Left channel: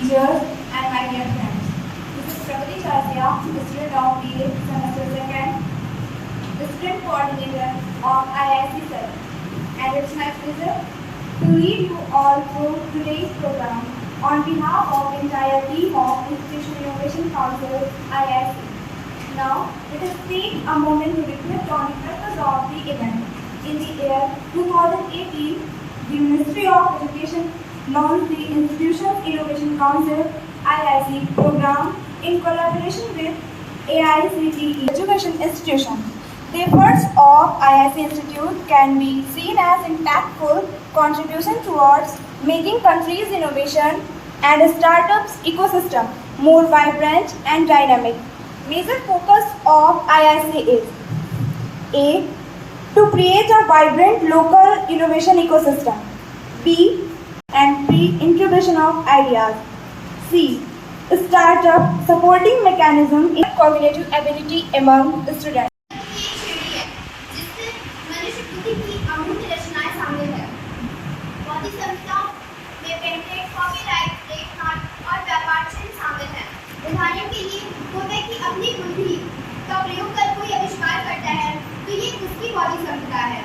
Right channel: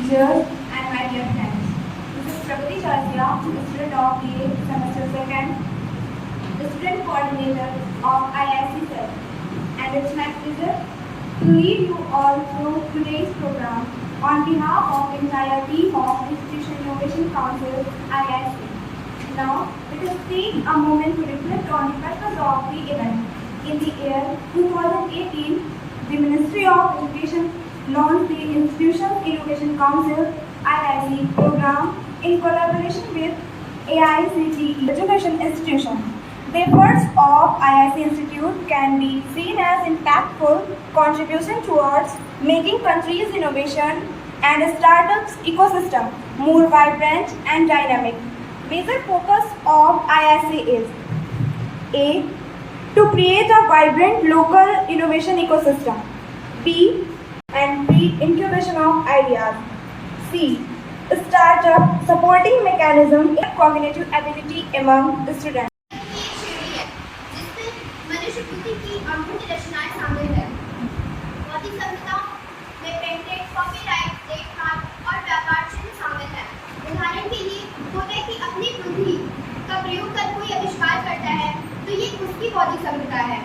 teachers, and my dear friends. This is Pragati Chasya, student of BA semester 2nd, student coordinator of IIC Sir. And it's my pleasure to lead you all through today's program on behalf of entire team of Institution Innovation Council IIC. Now, let us take a moment to reflect on the purpose of the event. In the year 2018, the Ministry of Education launched the Institution Innovation Council IIC program in collaboration with AICTE Education Institution. The efforts of IIC Institute can be seen as impactful contribution towards making country's innovation and startups ecosystem more vibrant and dynamic. Major focus of IIC is A. To create a vibrant local innovation ecosystem. B. And pre-incubation of ideas. C. Startup supporting mechanism in cognitive ability among the students. जिसमें मनुष्य बुद्धि की अमूल्य रचनाएं शामिल है। बौद्धिक संपदा में पेटेंट, कॉपीराइट, ट्रेडमार्क और व्यापार चिन्ह शामिल हैं। उदाहरण के लिए कोई व्यक्ति अपनी बुद्धि का प्रयोग कर कोई आविष्कार करता है तो ये उसकी बौद्धिक संपदा है।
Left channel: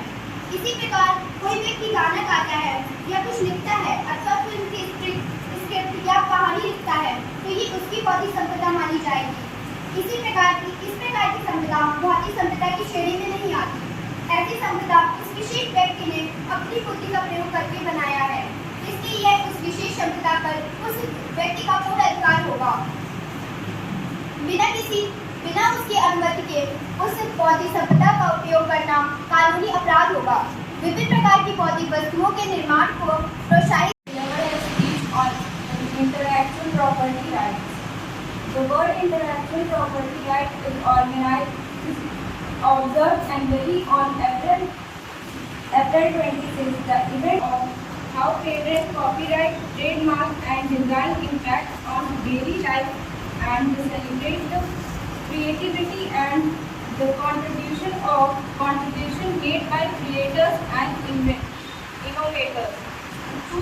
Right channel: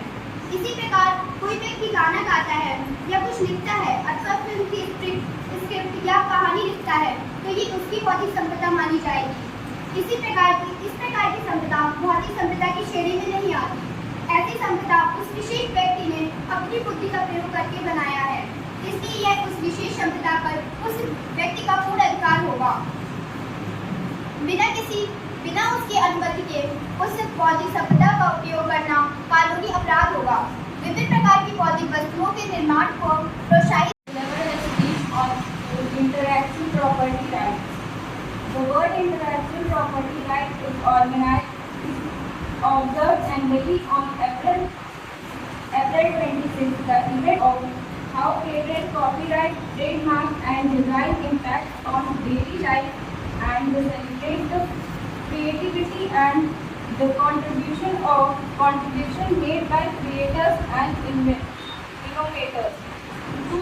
इसी प्रकार कोई व्यक्ति गाना गाता है या कुछ लिखता है अथवा फिल्म की स्क्रिप्ट या कहानी लिखता है तो ये उसकी बौद्धिक संपदा मानी जाएगी। इस प्रकार की संपदा भौतिक संपदा की श्रेणी में नहीं आती। ऐसी संपदा उस विशेष व्यक्ति ने अपनी बुद्धि का प्रयोग करके बनाया है, इसलिए यह उस विशेष संपदा पर उस व्यक्ति का पूर्ण अधिकार होगा। बिना उसकी अनुमति के उस बौद्धिक संपदा का उपयोग करना कानूनी अपराध होगा। विभिन्न प्रकार की बौद्धिक वस्तुओं के निर्माण को प्रोत्साहित Intellectual property rights. The word intellectual property right is organized, observed annually on April 26, the event of how patent, copyright, trademark and design impact on daily life and celebrate the creativity and the contribution made by creators and innovators to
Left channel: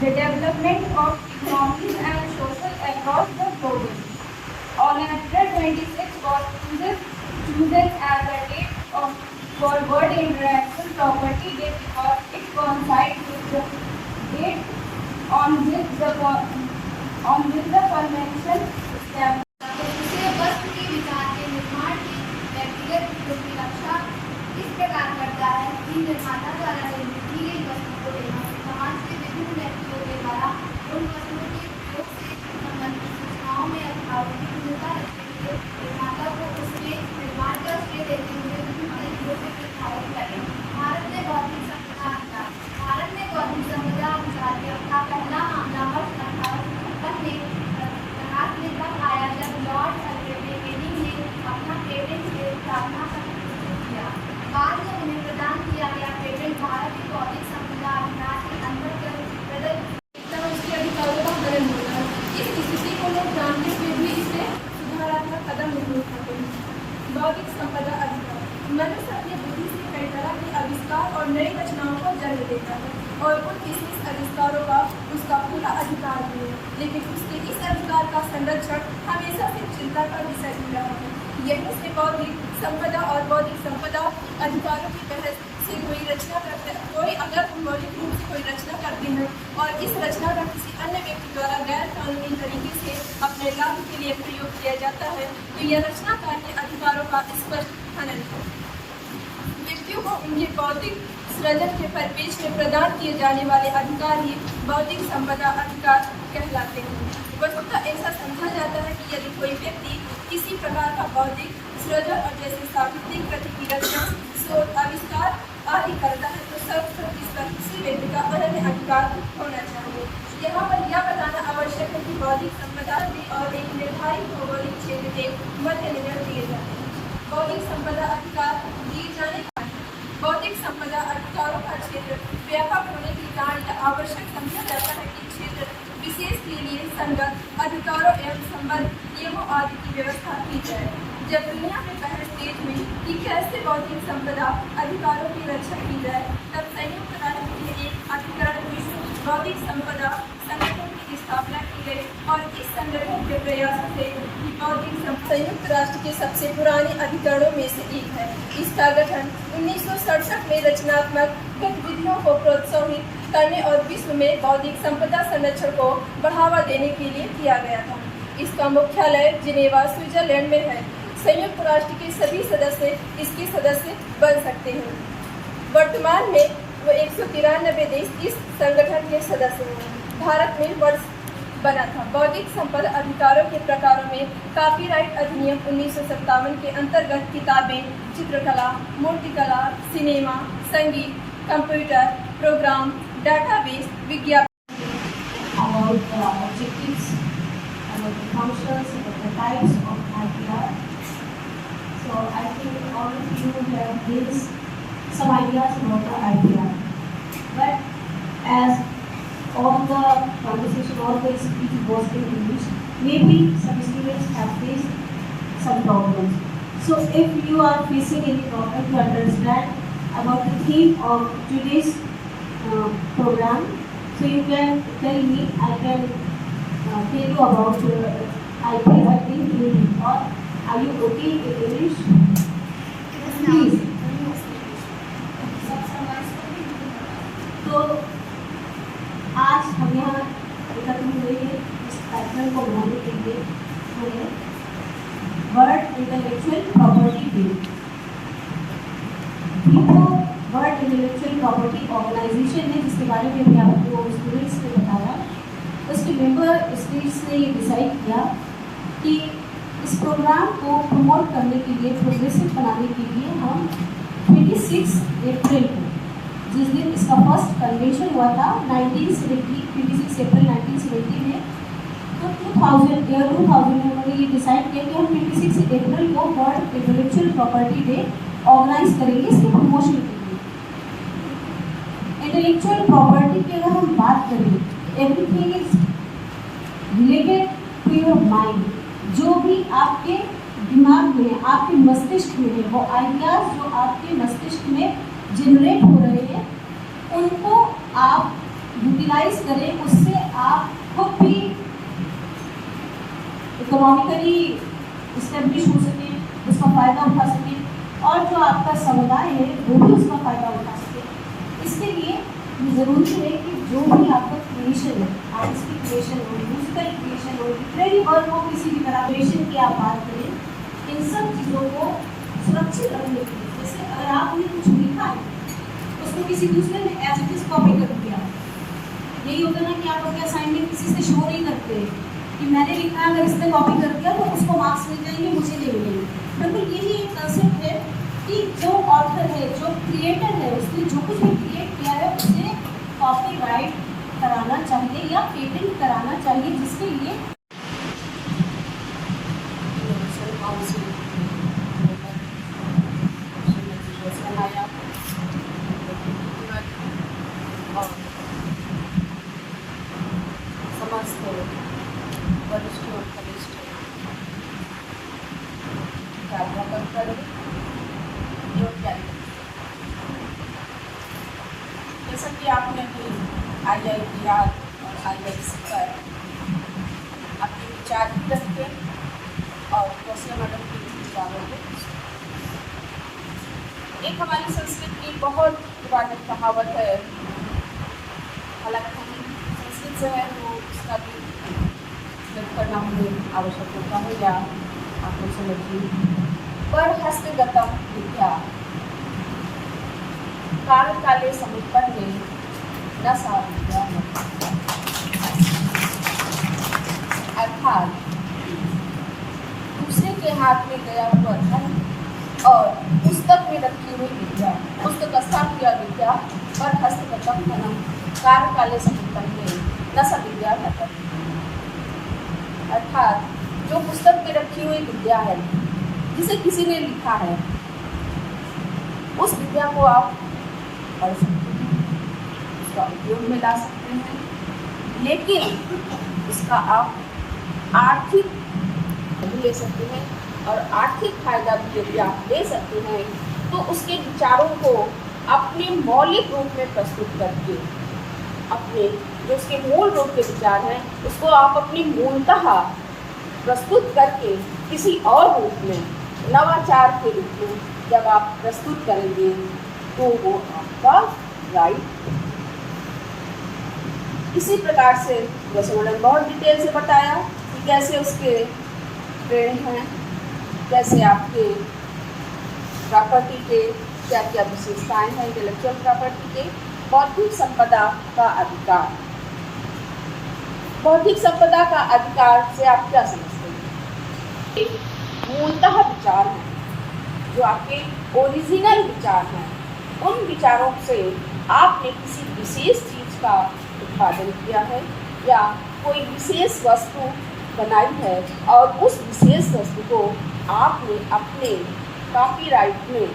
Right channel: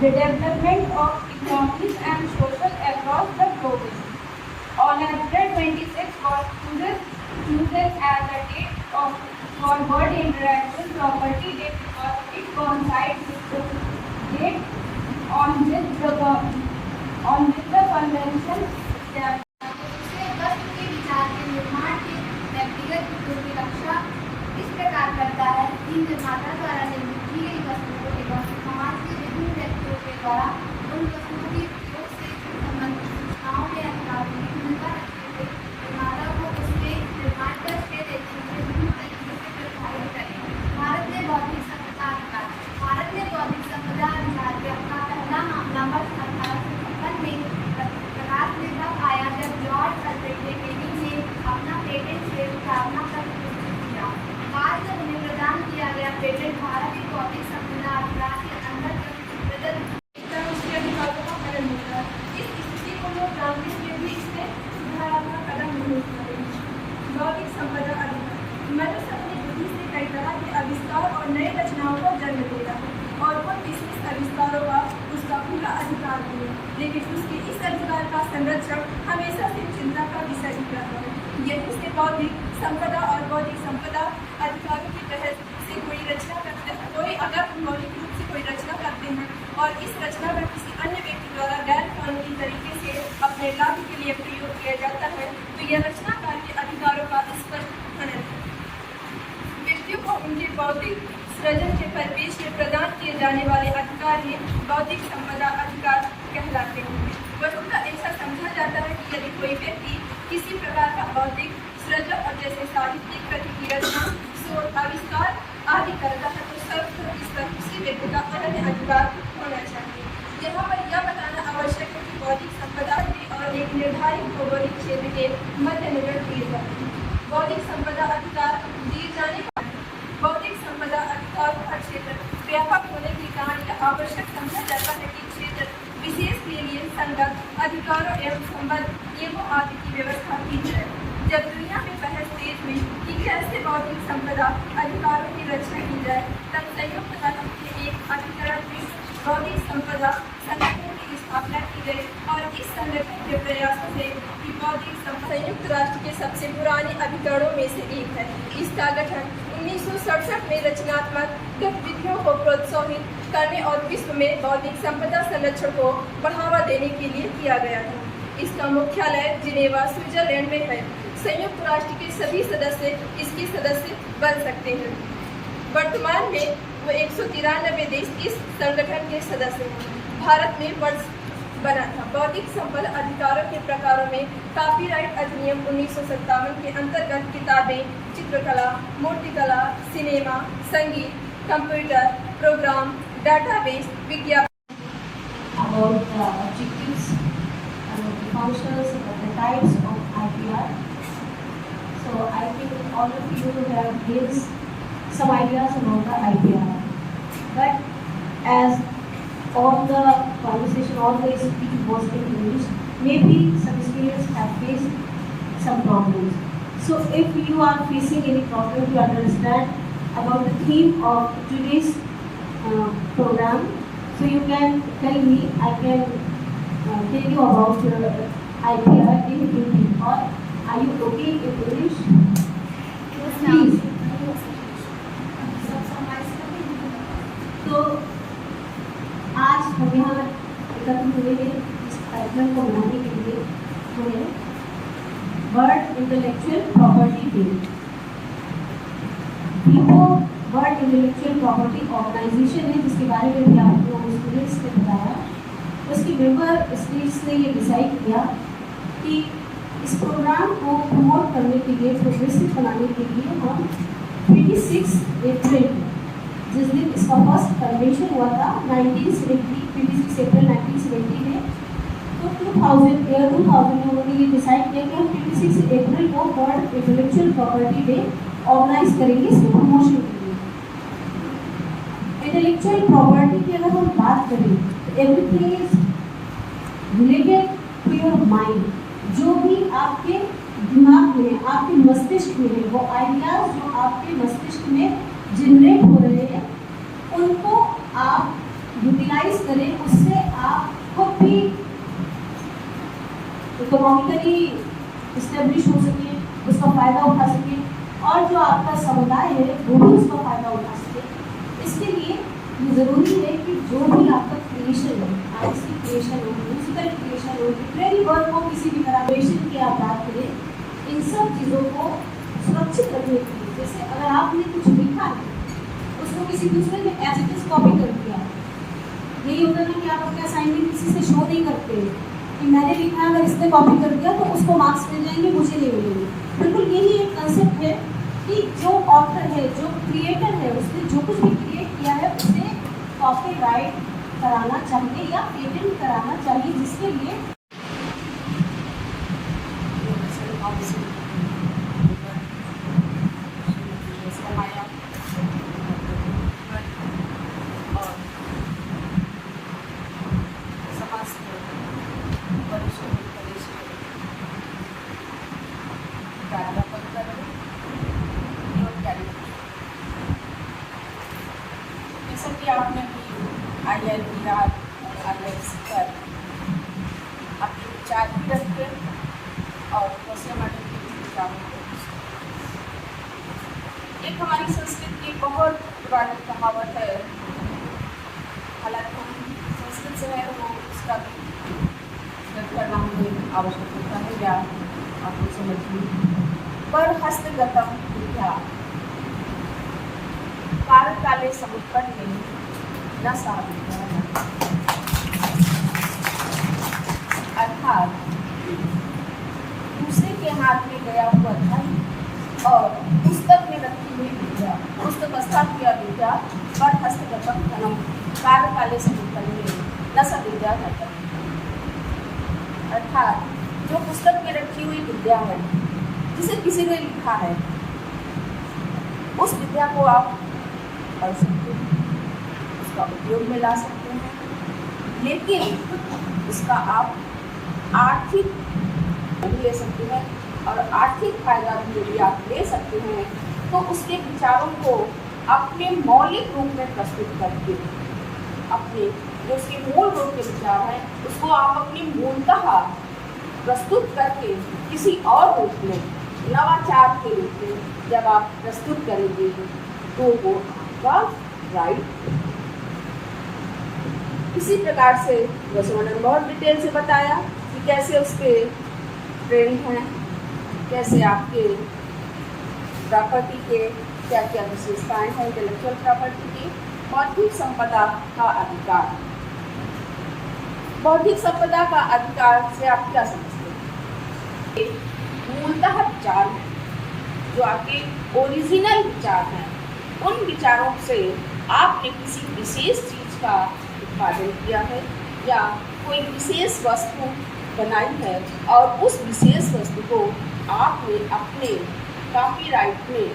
the development of economies and social across the globe. On April 26 was chosen as the date for World Intellectual Property Day because it coincides with the date on which the convention established. दूसरे वस्तु के विचार के निर्माण की व्यक्तिगत हितों की रक्षा इस प्रकार करता है कि निर्माता द्वारा निर्मित की गई वस्तुओं एवं समाज के विभिन्न व्यक्तियों के द्वारा उन वस्तुओं के उपयोग से संबंधित सूचनाओं में अधिकारों की भूमिका रखते हुए निर्माता को उसके निर्माण का श्रेय देते हुए विभिन्न तरीकों से प्रोत्साहित करें। भारत में बौद्धिक संपदा अधिकार के अपना पहला मामला वर्ष 1856 में प्रकाश में तब आया जब लॉर्ड सर्वेटे केनिंग ने अपना पेटेंट से स्थापना पर प्रस्तुत किया। बाद में उन्हें प्रदान किया गया पेटेंट भारत की बौद्धिक संपदा अधिकार के अंदर उसके अधिकारों का हनन होगा। इस स्थिति को लोग जानते हुए भी इसे सुधारात्मक कदम नहीं उठाते। बौद्धिक संपदा अधिकार मनुष्य अपनी बुद्धि से कई तरह के आविष्कार और नई रचनाओं को जन्म देता है और उन विशेष आविष्कारों का उसका पूरा अधिकार है, लेकिन उसके इस अधिकार का संरक्षण हमेशा से चिंता का विषय रहा है। यही से बौद्धिक संपदा और बौद्धिक संपदा अधिकारों के तहत से कोई अगर मौलिक रूप से कोई रचना करते हैं और इस रचना का किसी अन्य व्यक्ति द्वारा गैर कानूनी तरीके से अपने लाभ के लिए प्रयोग किया जाता है तो यह रचनाकार के अधिकारों का स्पष्ट हनन है। व्यक्तियों को उनके बौद्धिक सृजन के परिपेक्ष में प्रदान किए जाने वाले अधिकार ही बौद्धिक संपदा अधिकार कहलाते हैं। वस्तुतः ऐसा समझा जाता है कि यदि कोई व्यक्ति किसी प्रकार का बौद्धिक सृजन और जैसे साहित्यिक कृति की रचना, शोध, आविष्कार आदि करता है तो सर्वप्रथम इस पर किसी व्यक्ति का अनन्य अधिकार होना चाहिए। यहाँ पर यह बताना आवश्यक है कि बौद्धिक संपदा और एक निर्धारित भौगोलिक क्षेत्र के मद्देनजर दिए जाते हैं। बौद्धिक संपदा अधिकार दिए जाने बौद्धिक संपदा अधिकारों का क्षेत्र व्यापक होने के कारण यह आवश्यक समझा जाता है कि क्षेत्र विशेष के लिए संगत अधिकारों एवं संबंध नियमों आदि की व्यवस्था की जाए। जब दुनिया में बहस तेज हुई कि कैसे बौद्धिक संपदा अधिकारों की रक्षा की जाए तब संयुक्त राष्ट्र के एक अधिकरण विश्व बौद्धिक संपदा संगठन की स्थापना की मिले और इस संगठन के प्रयासों से कि बौद्धिक संयुक्त राष्ट्र के सबसे पुराने अधिकरणों में से एक है। इसका गठन 1967 में रचनात्मक गतिविधियों को प्रोत्साहित करने और विश्व में बौद्धिक संपदा संरक्षण को बढ़ावा देने के लिए किया गया था। इसका मुख्यालय जिनेवा, स्विट्जरलैंड में है। संयुक्त राष्ट्र के सभी सदस्य इसके सदस्य बन सकते हैं। वर्तमान में वो 193 देश इस संगठन के सदस्य हैं। भारत में वर्ष बना था। बौद्धिक संपदा अधिकारों के प्रकारों में कॉपीराइट अधिनियम 1957 के अंतर्गत किताबें, चित्रकला, मूर्तिकला, सिनेमा, संगीत, कंप्यूटर प्रोग्राम, डाटाबेस, विज्ञापन। About the objectives, about the functions, about the types of IPR. So I think all of you have given some ideas about the IPR. But as all the conversation, all the speech was in English, maybe some students have faced some problems. So if you are facing any problem to understand about the theme of today's program, so you can tell me, I can tell you about IPR in Hindi, or are you okay in English? Please. तो आज हम यहाँ एकत्र हुए हैं इस कार्यक्रम को मनाने के लिए हुए World Intellectual Property Day. World Intellectual Property Organization है, जिसके बारे में भी आपको स्टूडेंट्स ने बताया। उसके मेंबर स्टेट्स ने ये डिसाइड किया कि इस प्रोग्राम को प्रमोट करने के लिए, प्रोग्रेसिव बनाने के लिए हम 26 अप्रैल को, जिस दिन इसका फर्स्ट कन्वेंशन हुआ था 26 अप्रैल 1970 में, तो 2000 में उन्होंने ये डिसाइड किया कि हम 26 अप्रैल को World Intellectual Property Day organize करेंगे, इसके प्रमोशन के लिए। इंटेलेक्चुअल प्रॉपर्टी की अगर हम बात करें, everything is related to your mind. जो भी आपके दिमाग में, आपके मस्तिष्क में है, वो आइडियाज जो आपके मस्तिष्क में जनरेट हो रहे हैं, उनको आप यूटिलाइज करें, उससे आप खुद भी इकोनॉमिकली इस्टेब्लिश हो सके, उसका फ़ायदा उठा सके, और जो आपका समुदाय है वो भी उसका फ़ायदा उठा सके। इसके लिए ये ज़रूरी है कि जो भी आपका क्रिएशन है, आर्ट्स की क्रिएशन हो, म्यूजिकल क्रिएशन हो, लिटरेरी वर्क हो, किसी भी तरह क्रिएशन की आप बात करें, इन सब चीज़ों को सुरक्षित रखने के लिए, जैसे अगर आपने कुछ लिखा है उसको किसी दूसरे ने एज इट इज कॉपी कर दिया, यही होता है ना कि आप अपने असाइनमेंट किसी से शो नहीं करते कि मैंने लिखा है, अगर इसने कॉपी कर दिया तो उसको मार्क्स मिल जाएंगे, मुझे नहीं मिलेंगे। बिल्कुल यही एक कंसेप्ट है कि जो ऑथर है, जो क्रिएटर है, उसने जो कुछ भी क्रिएट किया है उसे कॉपीराइट कराना चाहिए या पेटेंट कराना चाहिए, जिसके लिए जैसा कि आपने अभी IIT गुजरात और IIT पर आपके विचार भी रखते और क्वेश्चन मैडम की किताबों को, एक हमारी संस्कृत की बहुत पुरानी कहावत है, हालांकि संस्कृत जो है वो उसका भी करना हमें आवश्यक होता है, या आप लोग समझिए, पर हस्तगतम विद्या काल काले समुत्पन्ने न सा विद्या। अर्थात दूसरे के हाथ में गया हुआ धन और पुस्तक में रखी हुई विद्या, पुस्तकस्था किया विद्या, पर हस्तगतम धनम काल काले समुत्पन्ने न सा विद्या करता। अर्थात जो पुस्तक में रखी हुई विद्या है, जिसे किसी ने लिखा है, उस विद्या को आप पढ़ सकते हैं, उसका उपयोग में ला सकते हैं, लेकिन इसका आप आर्थिक ले सकते हैं, और आर्थिक फायदा भी यदि आप ले सकते हैं तो उसके विचारों को अपने मौलिक रूप में प्रस्तुत करके अपने जो उसके मूल रूप के विचार हैं उसको आप अपनी मूलतः प्रस्तुत करके किसी और रूप में नवाचार के रूप में जब आप प्रस्तुत करेंगे तो वो आपका राइट। इसी प्रकार से वसुमंडल ने बहुत डिटेल से बताया कि कैसे उसके ट्रेंड हैं, कैसे आपके प्रॉपर्टी के क्या क्या विशेषताएं हैं इंटेलेक्चुअल प्रॉपर्टी के। बौद्धिक संपदा का अधिकार, बौद्धिक संपदा का अधिकार से आप क्या समझते हैं? मूलतः विचार हैं जो आपके ओरिजिनल विचार हैं, उन विचारों से आपने किसी विशेष चीज का उत्पादन किया है या कोई विशेष वस्तु बनाई है और उस विशेष वस्तु को आपने अपने कॉपीराइट में